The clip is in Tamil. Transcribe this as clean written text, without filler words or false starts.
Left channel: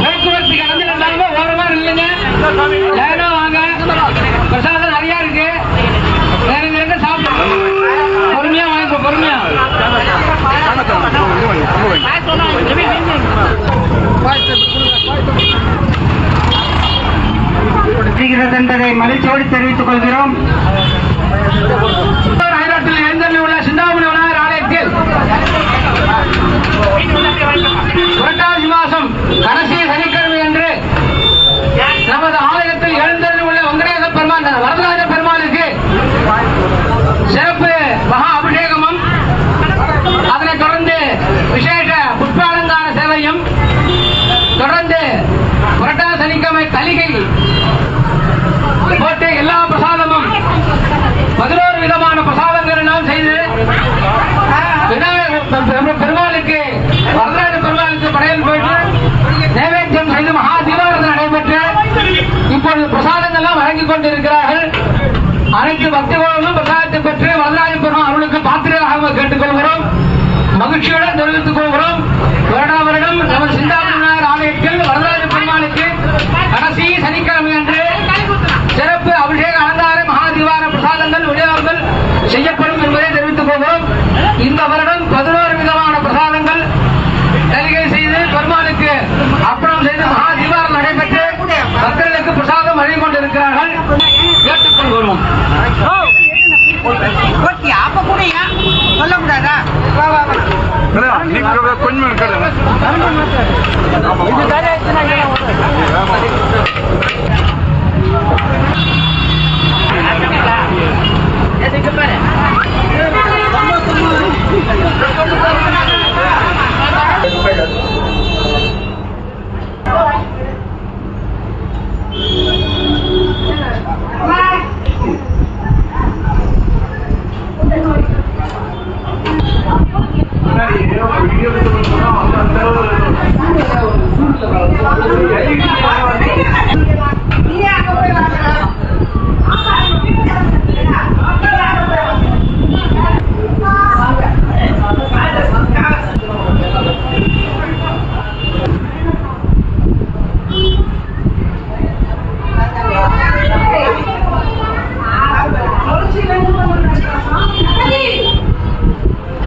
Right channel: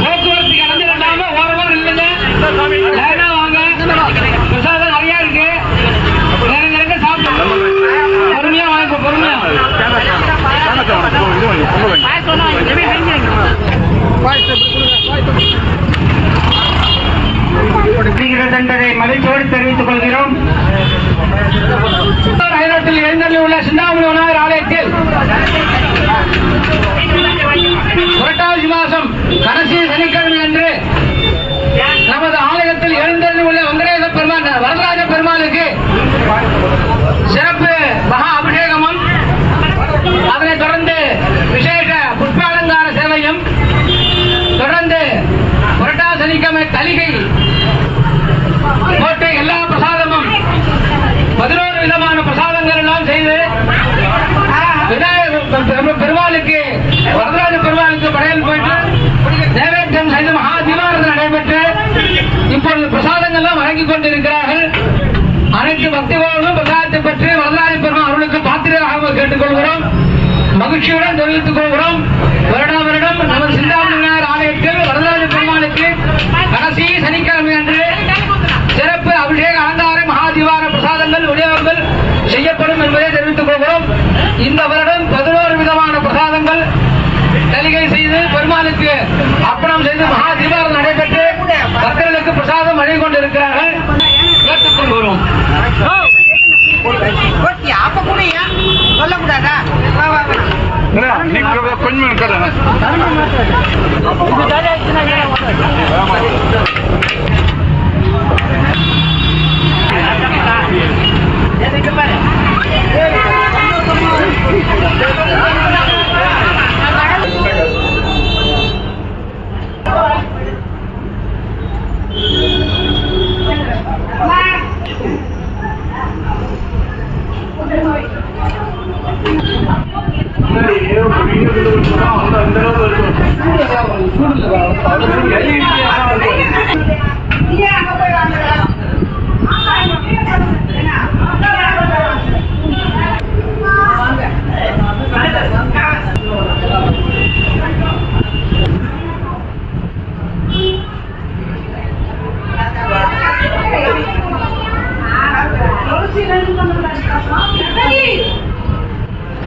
போக்குவரத்து கலந்து இல்லாம ஓரமா இல்லைங்க, லைனா வாங்க. பிரசாதம் நிறைய இருக்கு, நேரங்க சாப்பிட்டு பொறுமையா வாங்க, பொறுமையா. என்பதை மகிழ்ச்சியோடு தெரிவித்துக் கொள்கிறோம். நகரத்தில் எழுந்தள்ளி உள்ள சிந்தாமணி விநாயகர் ஆலயத்தில் புரட்டாசி மாதம் கடைசி சனிக்கிழமை அன்று நமது ஆலயத்தில் எழுந்தள்ளி உள்ள வெங்கடேச பெருமாள் வரதராஜ பெருமாளுக்கு சிறப்பு மகா அபிஷேகமும், அதனைத் தொடர்ந்து விசேஷ புஷ்பாலங்கார சேவையும், தொடர்ந்து புரட்டாசி சனிக்கிழமை தலிகை போட்டு எல்லா பிரசாதமும் 11 விதமான பிரசாதங்கள் எல்லாம் செய்து பெருமாளுக்கு வரதராஜ பெருமாளுக்கு படையல் போயிட்டு நைவேத்தியம் செய்து மகா தீபாவளி நடைபெற்று இப்பொழுது பிரசாதங்கள்லாம் வழங்கிக் கொண்டிருக்கிறார்கள். அனைத்து பக்தர்களும் பிரசாதத்தை பெற்று வரதராஜ பெருமாள் அருளுக்கு பாத்திரராக கேட்டுக் கொள்கிறோம், மகிழ்ச்சியுடன் தெரிவித்துக் கொள்கிறோம். வருடா வருடம் நமது சிந்தாமணி விநாயகர் ஆலயத்தில் வரதராஜ பெருமாளுக்கு கடைசி சனிக்கிழமை அன்று சிறப்பு அபிஷேக அலங்கார மகாதீவார பிரசாதங்கள் விநியோகங்கள் செய்யப்படும் என்பதை தெரிவித்துக் கொள்கிறோம். இந்த வருடம் 11 விதமான பிரசாதங்கள் தலிகை செய்து பெருமாளுக்கு அப்பளம் செய்து மகாதீவாரம் நடைபெற்று பக்தர்களுக்கு பிரசாதம் வழங்கிக் கொண்டிருக்கிறார்கள். கேட்டுக் கொள்கிறோம். சொல்லக்கூடாதா? கொஞ்சம்